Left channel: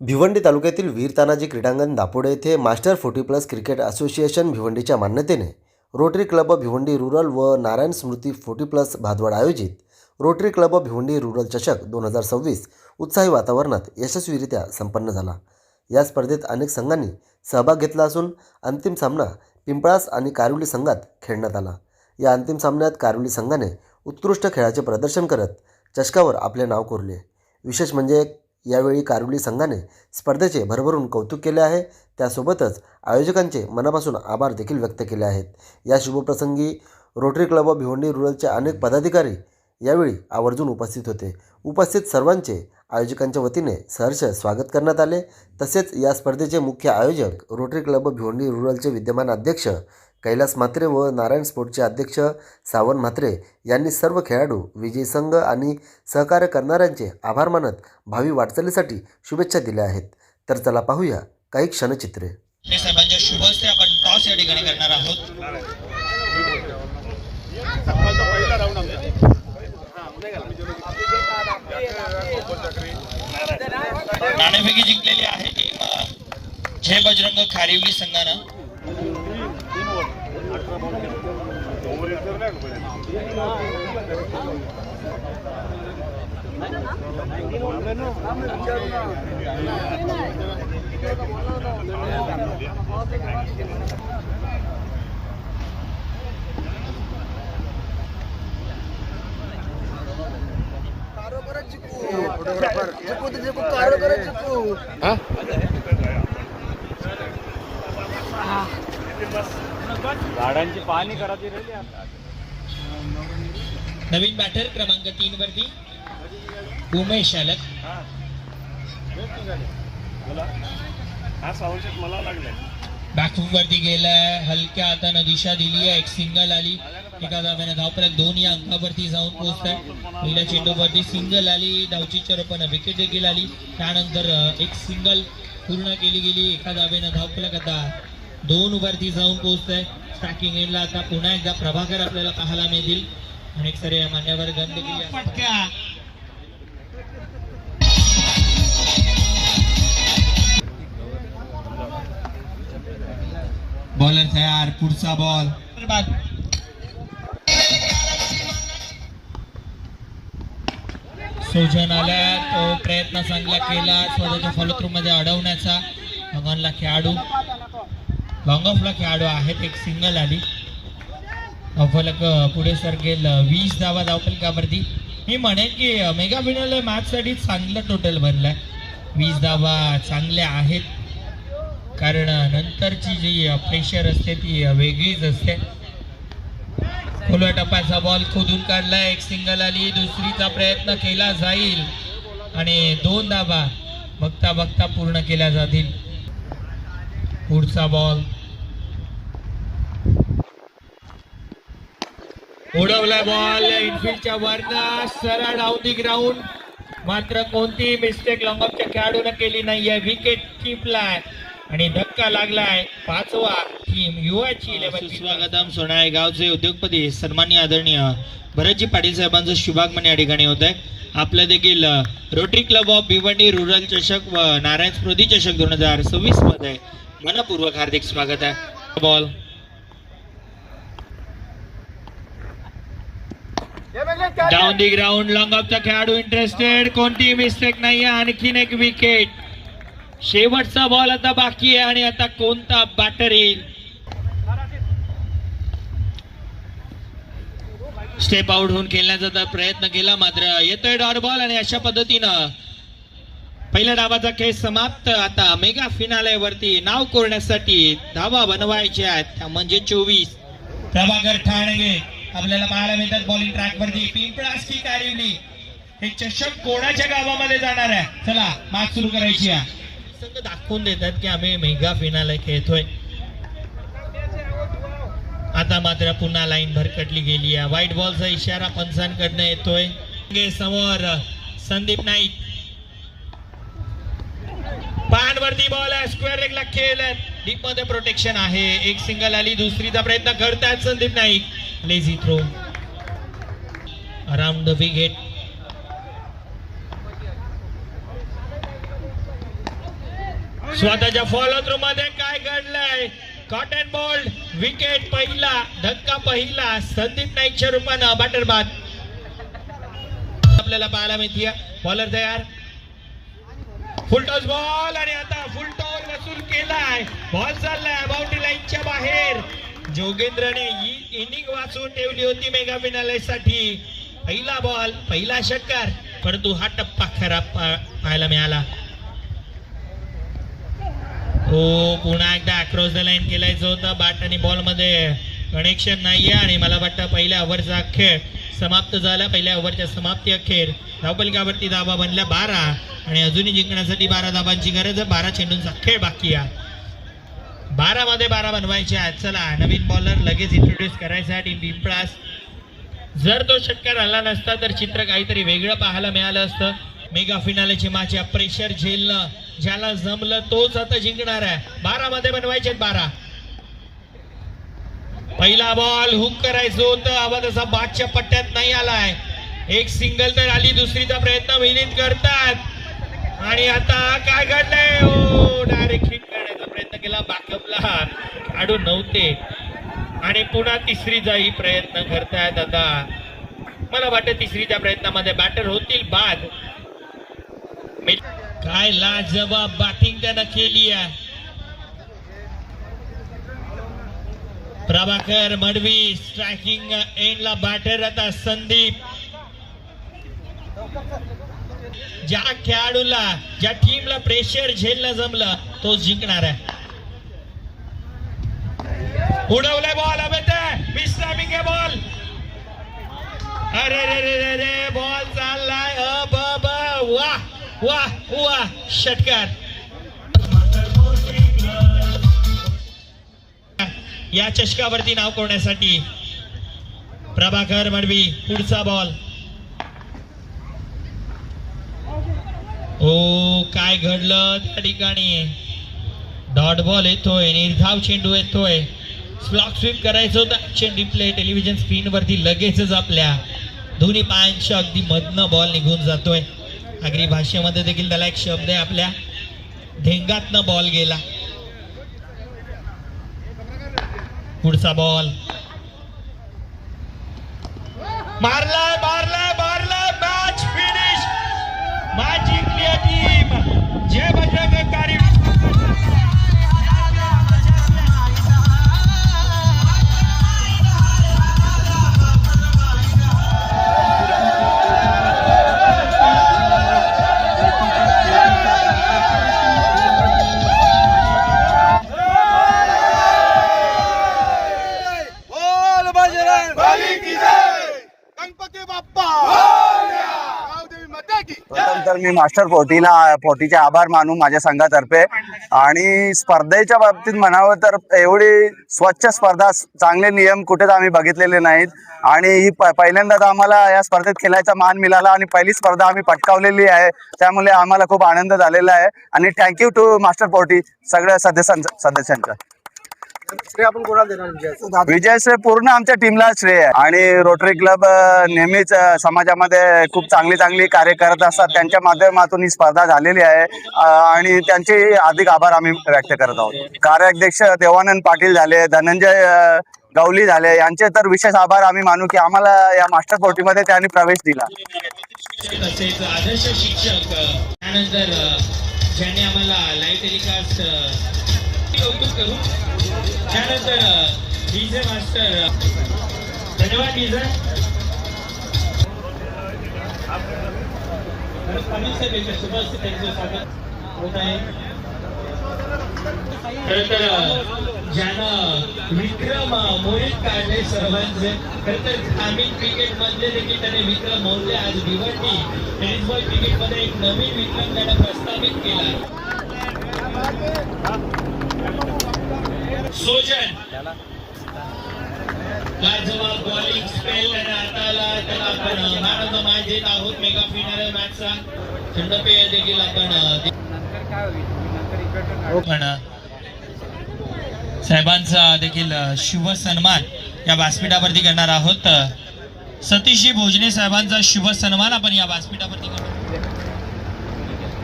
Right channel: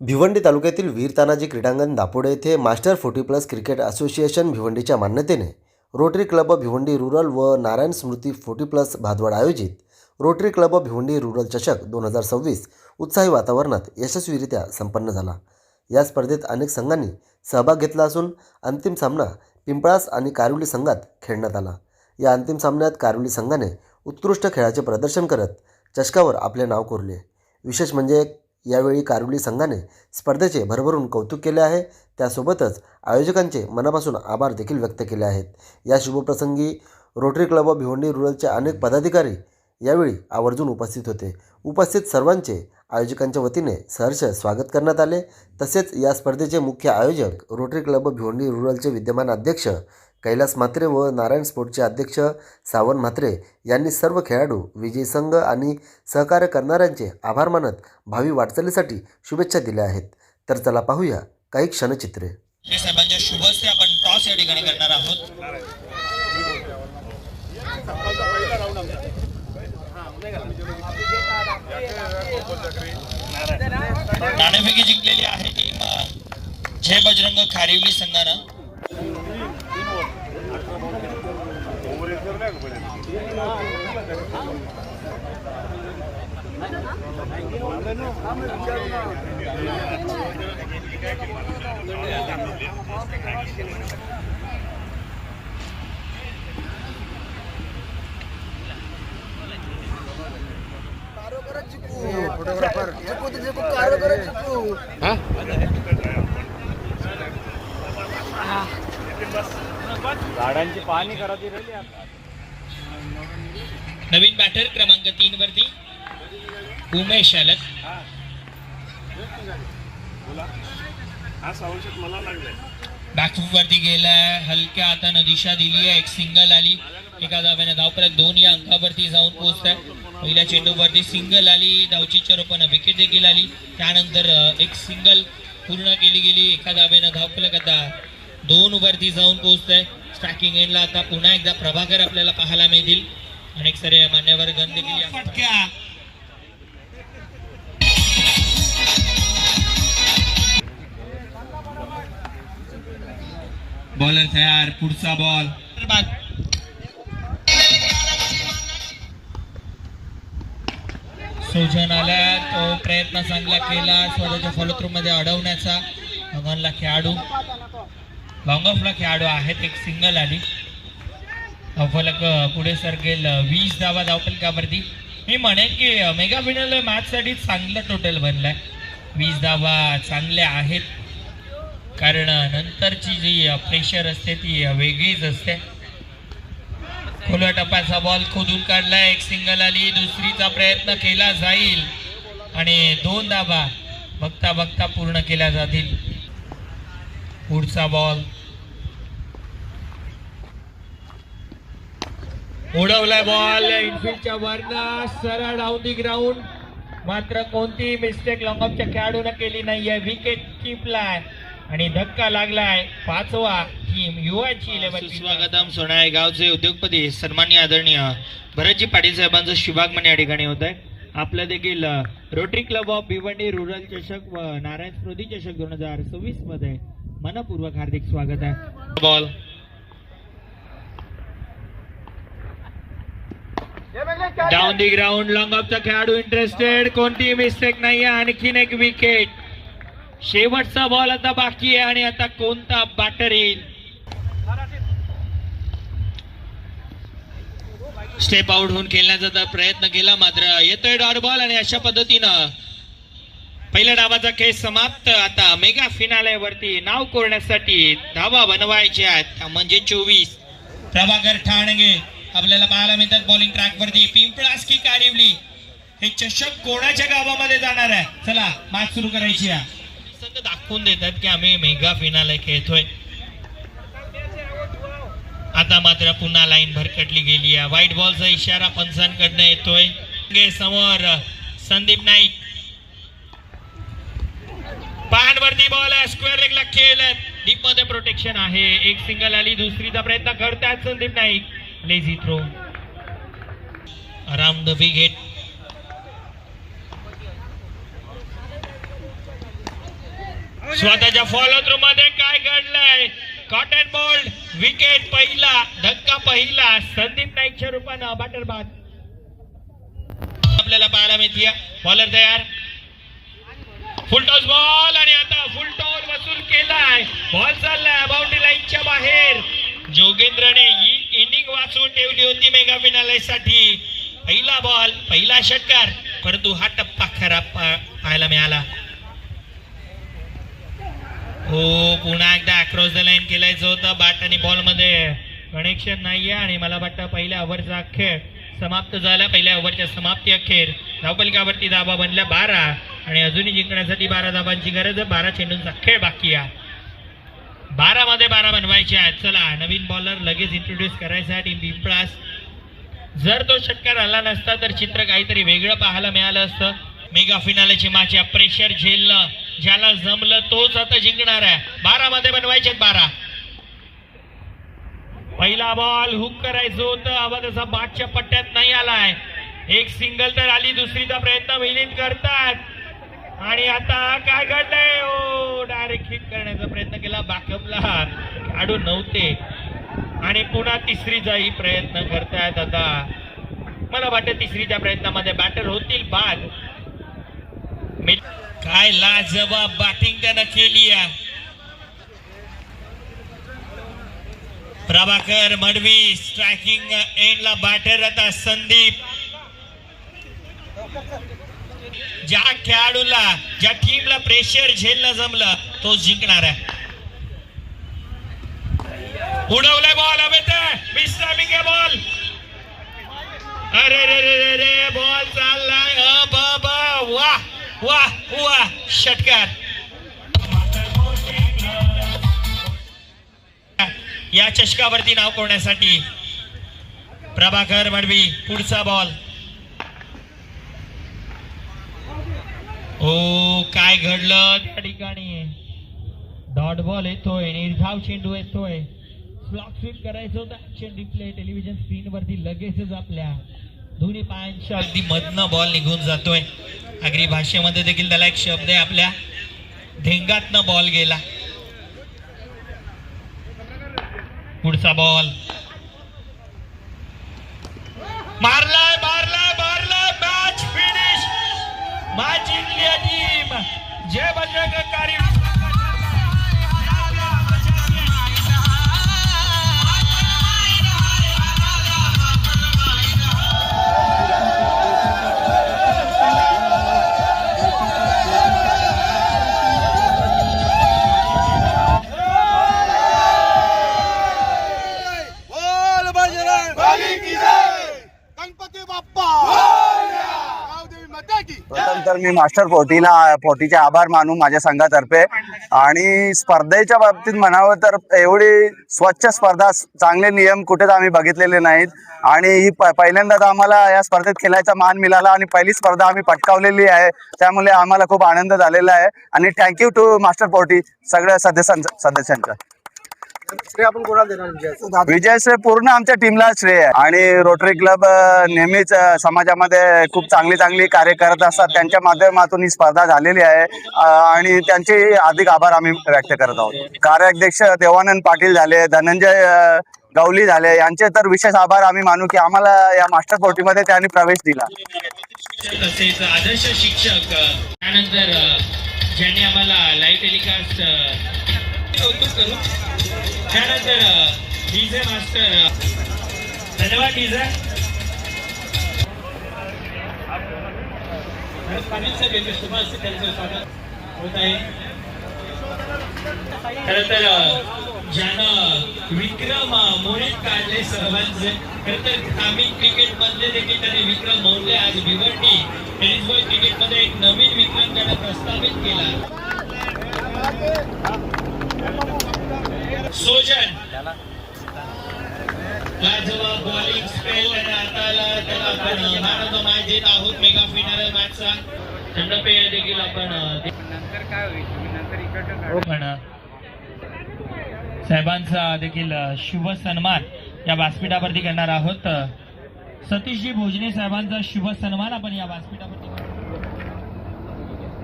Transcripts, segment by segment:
भिवंडी तालुक्यातील वीर तानाजी क्रीडांगण दापोडे येथे मास्टर 40+ क्रिकेट असोसिएशन भिवंडीच्या मान्यतेने रोटरी क्लब भिवंडी रुरल व नारायण स्मृती 40+ भादवाड आयोजित रोटरी क्लब भिवंडी रुरल चषक 2026 उत्साही वातावरणात यशस्वीरित्या संपन्न झाला। या स्पर्धेत अनेक संघांनी सहभाग घेतला असून अंतिम सामना पिंपळास आणि कारिवली संघात खेळण्यात आला। या अंतिम सामन्यात कारिवली संघाने उत्कृष्ट खेळाचे प्रदर्शन करत चषकावर आपले नाव कोरले। विशेष म्हणजे यावेळी कारिवली संघाने स्पर्धेचे भरभरून कौतुक केले आहे। त्यासोबतच आयोजकांचे मनापासून आभार देखील व्यक्त केले आहेत। या शुभप्रसंगी रोटरी क्लब भिवंडी रुरलचे अनेक पदाधिकारी यावेळी आवर्जून उपस्थित होते। उपस्थित सर्वांचे आयोजकांच्या वतीने सहर्ष स्वागत करण्यात आले। तसेच या स्पर्धेचे मुख्य आयोजक रोटरी क्लब भिवंडी रुरलचे विद्यमान अध्यक्ष कैलास म्हात्रे व नारायण स्पोर्टचे अध्यक्ष सावन म्हात्रे यांनी सर्व खेळाडू, विजयी संघ आणि सहकार्य करणाऱ्यांचे आभार मानत भावी वाटचालीसाठी शुभेच्छा दिल्या आहेत। तर चला पाहूया काही क्षणचित्रे। हे सर्वांच्या शुभ हस्ते आपण टॉस या ठिकाणी करणार आहोत। नाणेफेकी जिंकलेली आहे जय बजरंग खारिवली संघानं। झाडांची पाहणी करायची राहिली आता। नवीन बॅटर क्रमांक 3 वरती उमेश आलत। हा सावंत मला लागलाय। बॅकफूट वरती गेला, हलक्या हाताने दिशा दिली आहे, एक सिंगल आली। एका धाव्याने धावफलक 2 या अंकावरती जाऊन पोहोचत आहे। पहिल्या चेंडूवरती सिंगल आली, धावचीच्या रूपाने विकेट देखील आली। त्यानंतर एक सिंगल पूर्ण केली गेली, एका धाव्याने धावफलक आता 2 वरती जाऊन पोहोचत आहे। स्टॅकिंग एंडला आता पुन्हा एकदा प्रभाकर आपल्याला पाहायला मिळतील। अनेक सारे मान्यवर गण देखील बॉलर तयार, पुढचा बॉल सोजन आल्या, तो प्रयत्न चांगला केला स्वतःच्या फॉलोथ्रू मध्ये अडवण्याचा। भगवानला खेळाडू लॉंग ऑफला खेळाडू आहेत, एक सिंगल आली। फलक पुढे सरकेल 20 धावा धावफलकावरती। मी म्हणेन की मेगा फायनल मॅच साठी चांगलं टोटल बनलाय। 20 धावा चांगल्या आहेत, कारण नंतरची जी प्रेशर असते ती वेगळीच असते। खोलव्या टप्प्याचा बॉल खोदून काढलाय, एक सिंगल आली, दुसरीचा प्रयत्न केला जाईल आणि 2 धावा बघता बघता पूर्ण केल्या जातील। पुढचा बॉल उडवलाय, बॉल इनफिल्डच्या वरनं सरळ डाऊन दी ग्राउंड। मात्र कोणतीही मिस्टेक लॉंग ऑफच्या खेळाडूने केली नाहीये। विकेट टिपलाय आणि धक्का लागलाय। 5वा टीम युवाची 11 स्वागतम सोनाई गावचे उद्योगपती सन्माननीय आदरणीय भरतजी पाटील साहेबांचं शुभागमन या ठिकाणी होत आहे। आपलं देखील rotary Club of Bhiwandi rural चषक व नारायण स्मृती चषक 2026 मध्ये मनपूर्वक हार्दिक स्वागत आहे। Ball down the ground, long ऑफचा खेळाडू इंटरेस्टेड, कोणतीही मिस्टेक नाही आहे। आणखीन एक विकेट, शेवटचा बॉल आता बाकी आहे आणि आता कोणता बॅटर येईल। स्टेप आउट होऊन खेळण्याचा प्रयत्न केला, मात्र येतोय डॉट बॉल आणि अशा पद्धतीनं पहिल्या डावाचा खेळ समाप्त। आता मेगा फिनाले वरती नाव कोरण्यासाठी धावा बनवायच्या आहेत, म्हणजे 24। प्रभाकर ठाणगे आपल्याला पाहायला मिळतात बॉलिंग ट्रॅक वरती। पिंपळास की कारिवली, हे चषक कोणाच्या गावामध्ये जाणार आहे? चला मॅच सुरू करायची आहे। संघ दाखवून देतात की आम्ही मेगा फिनाले खेळतोय। आता मात्र पुन्हा लाईन भरकटली गेली आहे। व्हाईट बॉलचा इशारा पंचांकडनं येतोय। समोर संदीप नाईक, पानवरती बॉल स्क्वेअर लेगला खेळलं, डीप मध्ये प्रोटेक्शन आहे। एक सिंगल आली, दुसरीचा प्रयत्न करतायत Sandeep Naik. Lazy throw around the wicket. स्वतःच्या फॉलो थ्रू मध्ये काय घडलंय? कॉटन बोल्ड विकेट पहिला, धक्का पहिला, संदीप नाईकच्या रूपानं बॅटर बाद आपल्याला पाहायला मिळते. बॉलर तयार, फुल टॉस बॉल आणि आता फुल टॉस वसूल केलाय. बॉल चाललाय बाउंड्री लाईनच्या बाहेर. जोगेंद्रने ही इनिंग वाचवून ठेवली होती मेगा फिनाले साठी. पहिला बॉल, पहिला षटकार, परंतु हा टप्पा खराब पाहायला मिळाला. हो, पुन्हा एकदा अक्रॉस द लाईन केलायचं होतं. बॅट आणि बॉल मध्ये कनेक्शन नाहीये आणि मला वाटतं पहिल्या ओव्हरचा खेळ समाप्त झाला. पहिल्या ओव्हरच्या समाप्ती अखेर धावपलकावरती धाबा बनल्या 12 आणि अजूनही जिंकण्यासाठी 12 धाबांची गरज आहे. 12 चेंडूंचा खेळ बाकी आहे. 12 मध्ये 12 बनवायचे आहेत. चला, नवीन बॉलर लगेच इंट्रोड्यूस करायचा टीम पिंपळास. जर तो षटकार आला नसता तर चित्र काहीतरी वेगळं पाहायला मिळालं असतं. मेगा फिनालेची मॅच प्रेशर झेलणं ज्याला जमलं तोच आता जिंकणार आहे. 12 मध्ये बनवायचे 12. पहिला बॉल हुक करायचं होतं, हवा तसा बादच्या पट्ट्यात नाही आलाय. एक सिंगल तर आली, दुसरीचा प्रयत्न विनीत करतात आणि आता काय घडलंय? ओ, डायरेक्ट हिट करण्याचा प्रयत्न केला, बॅकअपला खेळाडू नव्हते आणि पुन्हा तिसरीचाही प्रयत्न करतायत. आता मला वाटतं तिसरीच्या प्रयत्नामध्ये बॅटर होतील बाद. काय लाजवाब बॅटिंग त्यानं केली आहे. प्रभाकर मडवी स्ट्रायकिंग एंडला बॅटर. आता संदीप. ज्या खेळाडूला, ज्या टीमला प्रेशर झेलणं जमलं तोच जिंकणार आहे. उडवलाय बॉल, हवे विश्रामिक आहे बॉल. अरे रे रे रे, बॉल चाललाय. वाह वाह वाह, षटकार. या चषकावरती नाव कोरण्यासाठी प्रभाकर मडवी. पुढचा बॉल. ओ, काय घडलं त्या ठिकाणी? डॉट बॉल येतोय, निर्धाव चेंडू येतोय. स्लॉक स्वीप करायचं होतं. ऍक्शन डिस्प्ले टेलिव्हिजन स्क्रीन वरती लगेचच आपल्या दोन्ही पायांच्या अगदी मधनं बॉल निघून जातोय. आगरी भाषेमध्ये देखील त्याला एक शब्द आहे, आपल्या धेंगातनं बॉल गेला. पुढचा बॉल. मारलाय मारलाय मारलाय. Match finish. मॅच जिंकली टीम जय बजरंगकारी. प्रथम तर मी मास्टर 40चे आभार मानू माझ्या संघातर्फे. आणि स्पर्धेच्या बाबतीत म्हणावं तर एवढी स्वच्छ स्पर्धा, चांगले नियम कुठेच आम्ही बघितलेले नाहीत आणि ही पहिल्यांदाच आम्हाला या स्पर्धेत खेळायचा मान मिळाला आणि पहिली स्पर्धा आम्ही पटकावलेली आहे. त्यामुळे आम्हाला खूप आनंद झालेला आहे आणि थँक्यू टू मास्टर 40 सगळ्या सदस्यांचा. आपण कोणाला देणार? विजय श्रेय पूर्ण आमच्या टीमला श्रेय आहे आणि रोटरी क्लब नेहमीच समाजामध्ये खूप चांगली कार्य करत असतात. त्यांच्या माध्यमातून ही स्पर्धा झालेली आहे आणि त्यांचे हार्दिक आभार आम्ही व्यक्त करत आहोत. कार्याध्यक्ष देवानंद पाटील झाले, धनंजय गवली झाले, यांचे तर विशेष आभार आम्ही मानू की आम्हाला या मास्टर 40 मध्ये त्यांनी प्रवेश दिला. आदर्श शिक्षक त्यानंतर ज्यांनी आम्हाला लाईव्ह टेलिकास्ट त्यानंतर डीजे मास्टर. धन्यवाद डीजे. खरं तर ज्यानं विक्रम मोहित काढले सर्वांचे. खरं तर ग्रामीण क्रिकेट मधले देखील त्याने विक्रम मोडले. आज भिवंडी टेनिस बॉल क्रिकेट मध्ये एक नवीन विक्रम त्यानं प्रस्थापित केला. सोजन लाजवाब बॉलिंग स्पेल आणि हाताला त्याला आपण मॅन ऑफ द मॅच देत आहोत. मेगा फिनाले मॅचचा थंडपेय देखील आपण साहेबांचा देखील शुभ सन्मान या व्यासपीठावरती करणार आहोत. सतीशजी भोजने साहेबांचा शुभ सन्मान आपण या व्यासपीठावरती करणार.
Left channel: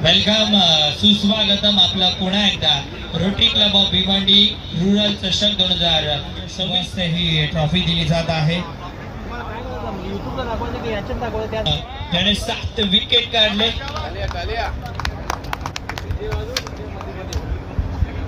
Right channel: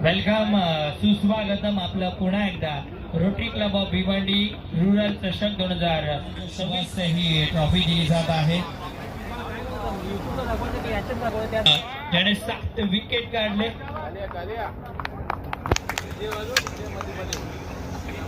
वेलकम, सुस्वागतम आपलं पुन्हा एकदा rotary Club of Bhiwandi rural चषक 2026 ही ट्रॉफी दिली जात आहे. त्याने 7 विकेट काढले.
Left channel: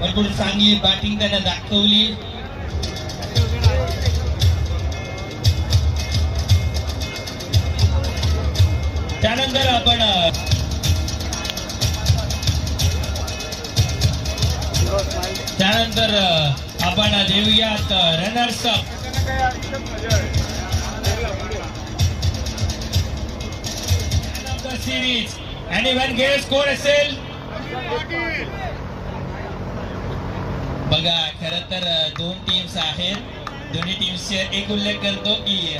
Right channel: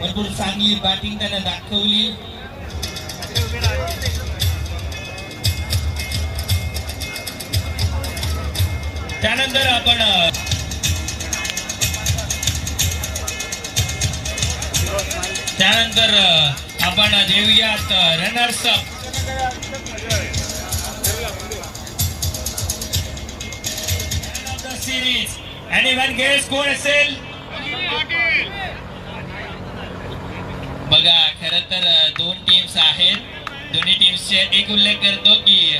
भरपूर चांगली बॅटिंग त्याने दाखवली. त्यानंतर आपण देऊयात runners up. Series anyone guess कोण असेल बघा. खरं तर 2 टीम्स आहेत. दोन्ही टीम्सचे एक उल्लेख करतो की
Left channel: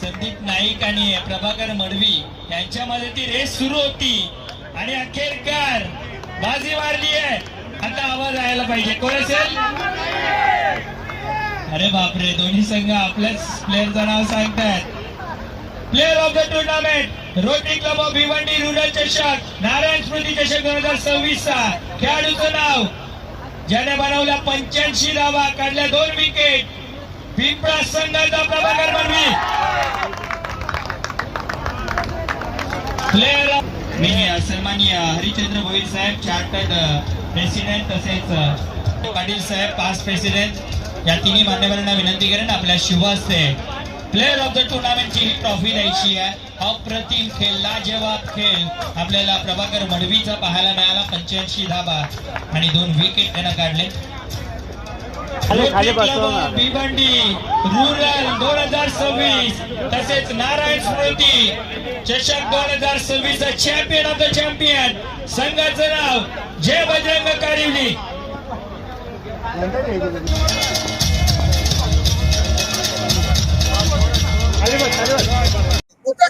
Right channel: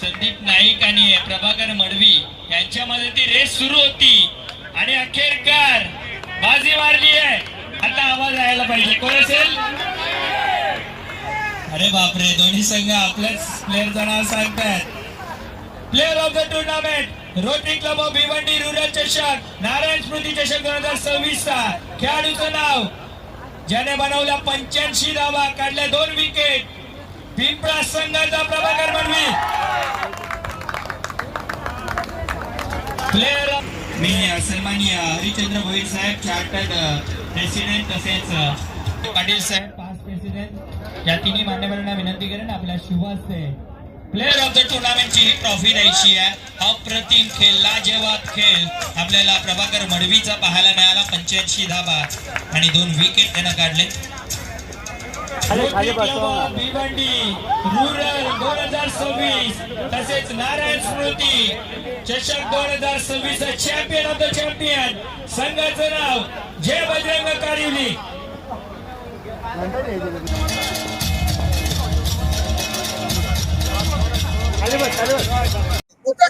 संदीप नाईक आणि प्रभाकर मडवी यांच्यामध्ये ती रेस सुरू होती आणि अखेरकार बाजी मारली आहे. आता आवाज यायला पाहिजे. कोण असेल? अरे बापरे, दोन्ही संघ आपल्याच प्लेअरचं नाव सांगतात. Player of the tournament rotary Club of Bhiwandi rural चषक नारायण स्मृती चषक 2026 चा खेळाडूचं नाव ज्याने बनवल्या 85 धावा, काढल्या 2 विकेट, पिंपळा संघाचा प्रभाकर मडवी. प्लेअर मी सन्माननीय हरिचंद्र भोईर साहेब, चार्टर्ड प्रेसिडेंट, तसेच पाटील साहेब, पास्ट प्रेसिडेंट, या तिन्ही मान्यवरांना विनंती करेन आपल्या शुभ हस्ते प्लेअर ऑफ द टुर्नामेंटची ही ट्रॉफी द्यायची आहे. अप्रतिम खेळ, लाजवाब खेळ आपल्याला प्रभाकर मडवीचा पाहायला मिळाला. 85 धावा आणि 2 विकेट त्यानं काढले. भिवंडी रुरल 2026 तसेच नारायण स्मृती चषक 2026 चा चॅम्पियन ऑफ द चॅम्पियन संघाचं नाव Jai Bajrang Karivali.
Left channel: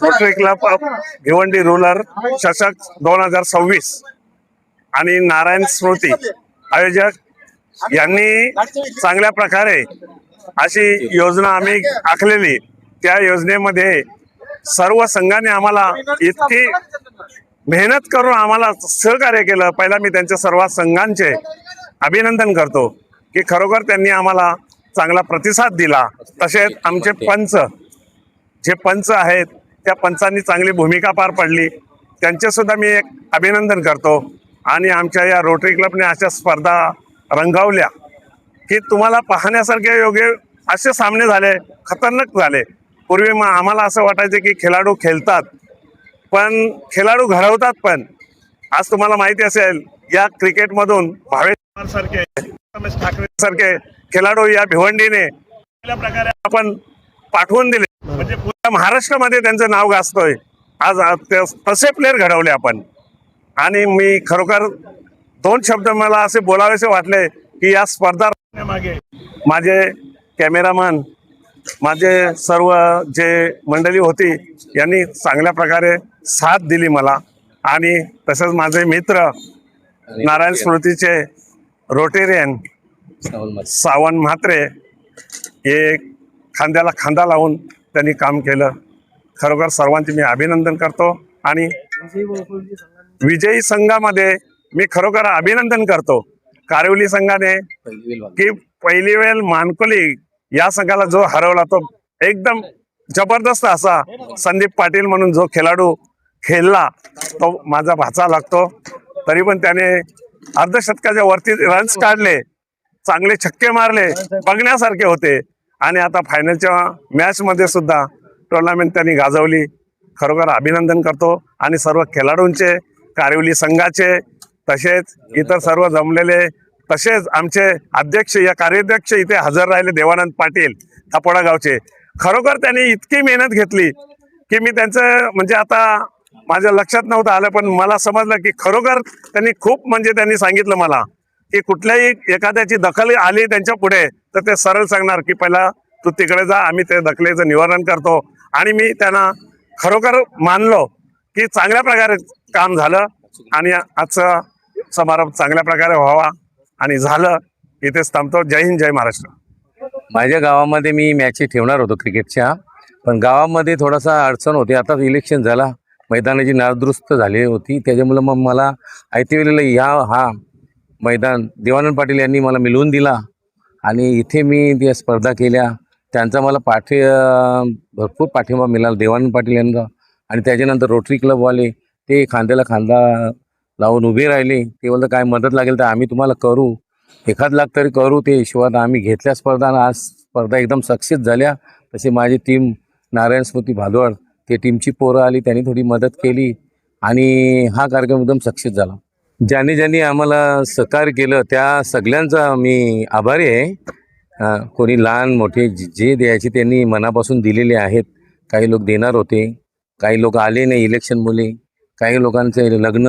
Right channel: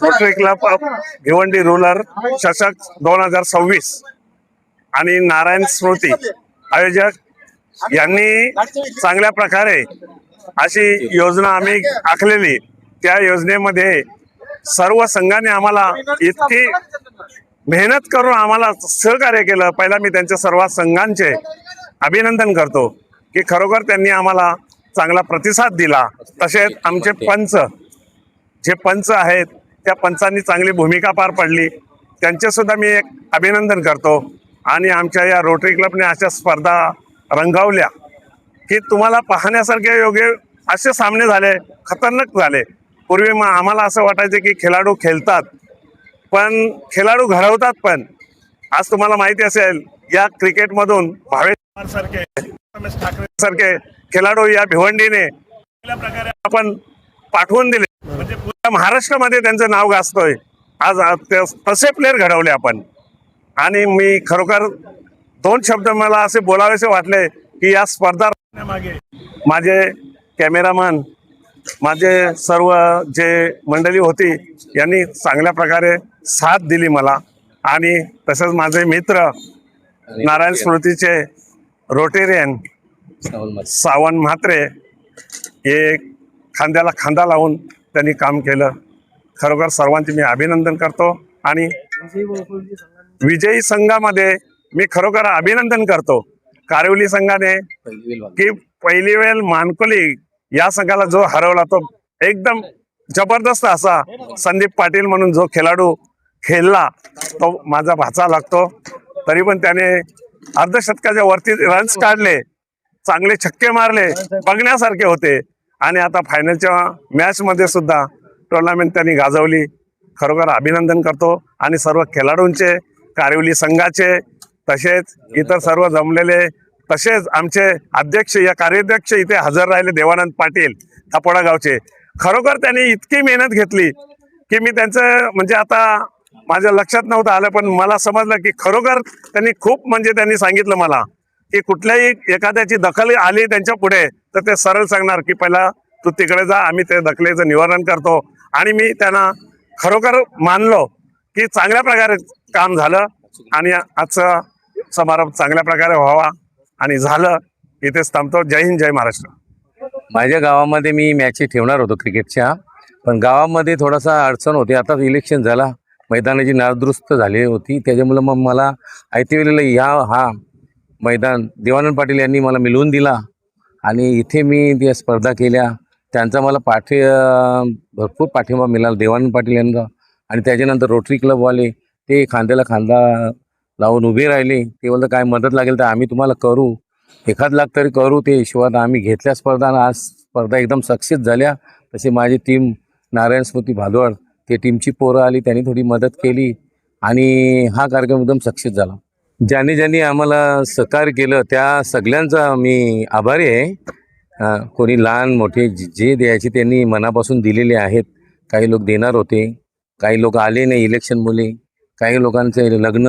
Rotary Club of Bhiwandi rural चषक 2026 आणि नारायण स्मृती आयोजक यांनी चांगल्या प्रकारे अशी योजना आम्ही आखलेली. त्या योजनेमध्ये सर्व संघाने आम्हाला इतकी मेहनत करून आम्हाला सहकार्य केलं. पहिला मी त्यांच्या सर्व संघांचे अभिनंदन करतो की खरोखर त्यांनी आम्हाला चांगला प्रतिसाद दिला. तसेच आमचे जे पंच आहेत त्या पंचांनी चांगली भूमिका पार पडली, त्यांचे सुद्धा मी एक अभिनंदन करतो. आणि आमच्या या रोटरी क्लबने अशा स्पर्धा रंगवल्या की तुम्हाला पाहण्यासारखे योग्य असे सामने झाले, खतरनाक झाले. पूर्वी मग आम्हाला असं वाटायचं की खेळाडू खेळतात पण खेळाडू घडवतात पण. आज तुम्हाला माहिती असेल या क्रिकेटमधून भावेश सारखे, रमेश ठाकरे सारखे खेळाडू या भिवंडीने चांगल्या प्रकारे आपण पाठवून दिले. म्हणजे पुऱ्या महाराष्ट्रामध्ये त्यांचं नाव गाजतोय. आज तसे प्लेअर घडवले आपण. आणि मी खरोखर 2 शब्द मला असे बोलावेसे वाटले की या स्पर्धा मागे माझे कॅमेरामन, माझे सर्व जे मंडळी होती यांनी चांगल्या प्रकारे साथ दिली मला. आणि तसंच माझे मित्र नारायण स्मृतीचे रोटेरियन सावंत म्हात्रे हे खांद्याला खांदा लावून त्यांनी काम केलं. खरोखर सर्वांचे मी अभिनंदन करतो. आणि विजयी संघामध्ये मी खरोखर अभिनंदन करतो कारिवली संघाने की पहिली वेळ मानकोली या संघाला जो हरवला तो एकदम जबरदस्त असा संदीप पाटील म्हणून जो खेळाडू खेळला तो माझा भाचा लागतो. तरी पण त्याने अर्धशतकाच्या वरती रन्स काढले, चांगले छक्के मारले, बघण्यासारखे होते. आणि आता फायनलच्या मॅचमध्ये सुद्धा टुर्नामेंट त्यांनी गाजवली. खरोखर अभिनंदन करतो. आणि सर्व खेळाडूंचे, कारिवली संघाचे, तसेच इतर सर्व जमलेले, तसेच आमचे अध्यक्ष या कार्याध्यक्ष इथे हजर राहिले देवानंद पाटील थापोडा गावचे. खरोखर त्यांनी इतकी मेहनत घेतली की मी त्यांचं म्हणजे आता माझ्या लक्षात नव्हतं आलं, पण मला समजलं की खरोखर त्यांनी खूप म्हणजे त्यांनी सांगितलं मला की कुठल्याही एखाद्याची दखल आली त्यांच्या पुढे तर ते सरळ सांगणार की पहिला तू तिकडे जा, आम्ही ते दखलेचं निवारण करतो. आणि मी त्यांना खरोखर मानलो की चांगल्या प्रकारे काम झालं आणि आजचा समारंभ चांगल्या प्रकारे व्हावा आणि झालं. इथेच थांबतो. जय हिंद, जय महाराष्ट्र. माझ्या गावामध्ये मी मॅची ठेवणार होतो क्रिकेटच्या, पण गावामध्ये थोडासा अडचण होती. आता इलेक्शन झाला मैदानाची नादुरुस्त झाली होती, त्याच्यामुळं मग मला ऐतिवेळेला हा मैदान देवानंद पाटील यांनी मला मिळवून दिला आणि इथे मी त्या स्पर्धा केल्या. त्यांचा मला भरपूर पाठिंबा मिळाला देवानंद पाटील यांचा. आणि त्याच्यानंतर रोटरी क्लबवाले ते खांद्याला खांदा लावून उभे राहिले. ते बोलतं काय मदत लागेल तर आम्ही तुम्हाला करू, 1 लाख तरी करू. ते हिशोबात आम्ही घेतल्या स्पर्धा आणि आज स्पर्धा एकदम सक्सेस झाल्या. तशी माझी टीम नारायण स्मृती भादवड ते टीमची पोरं आली, त्यांनी थोडी मदत केली आणि हा कार्यक्रम एकदम सक्सेस झाला. ज्यांनी आम्हाला सहकार्य केलं त्या सगळ्यांचा मी आभारी आहे. कोणी लहान मोठे जे द्यायचे त्यांनी मनापासून दिलेले आहेत. काही लोक देणार होते, काही लोक आले नाही इलेक्शनमुळे, काही लोकांचे लग्न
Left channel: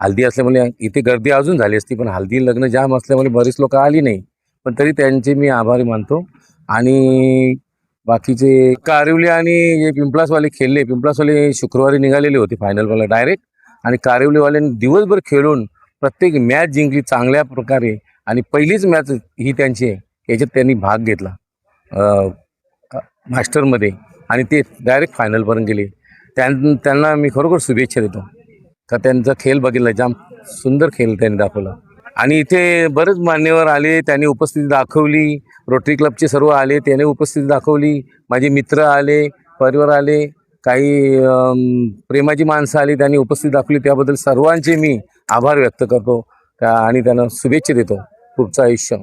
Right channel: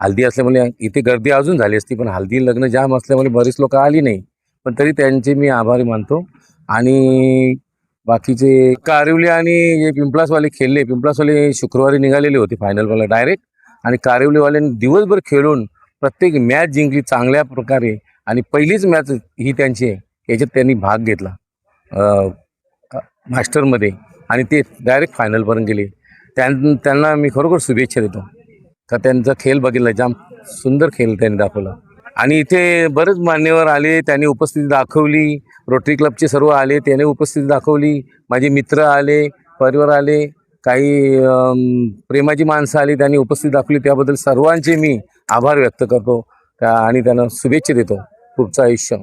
हल्दी असल्यामुळे इथे गर्दी अजून झाली असती, पण हल्दी लग्न जाम असल्यामुळे बरीच लोक आली नाही. पण तरी त्यांचे मी आभारी मानतो. आणि बाकीचे कारिवली आणि जे पिंपलासवाले खेळले, पिंपलासवाले शुक्रवारी निघालेले होते फायनलवाला डायरेक्ट, आणि कारिवलीवाल्यांनी दिवसभर खेळून प्रत्येक मॅच जिंकली चांगल्या प्रकारे. आणि पहिलीच मॅच ही त्यांची आहे, याच्यात त्यांनी भाग घेतला मास्टरमध्ये आणि ते डायरेक्ट फायनलपर्यंत गेले. त्यांना मी खरोखर शुभेच्छा देतो का त्यांचा खेळ बघितला, जाम सुंदर खेळ त्यांनी दाखवला. आणि इथे बरेच मान्यवर आले, त्यांनी उपस्थिती दाखवली. रोटरी क्लबचे सर्व आले, त्याने उपस्थिती दाखवली. माझे मित्र आले, परिवार आले, काही प्रेमाची माणसं आली, त्यांनी उपस्थिती दाखवली. त्याबद्दल सर्वांचे मी आभार व्यक्त करतो आणि त्यांना शुभेच्छा देतो पुढचं आयुष्य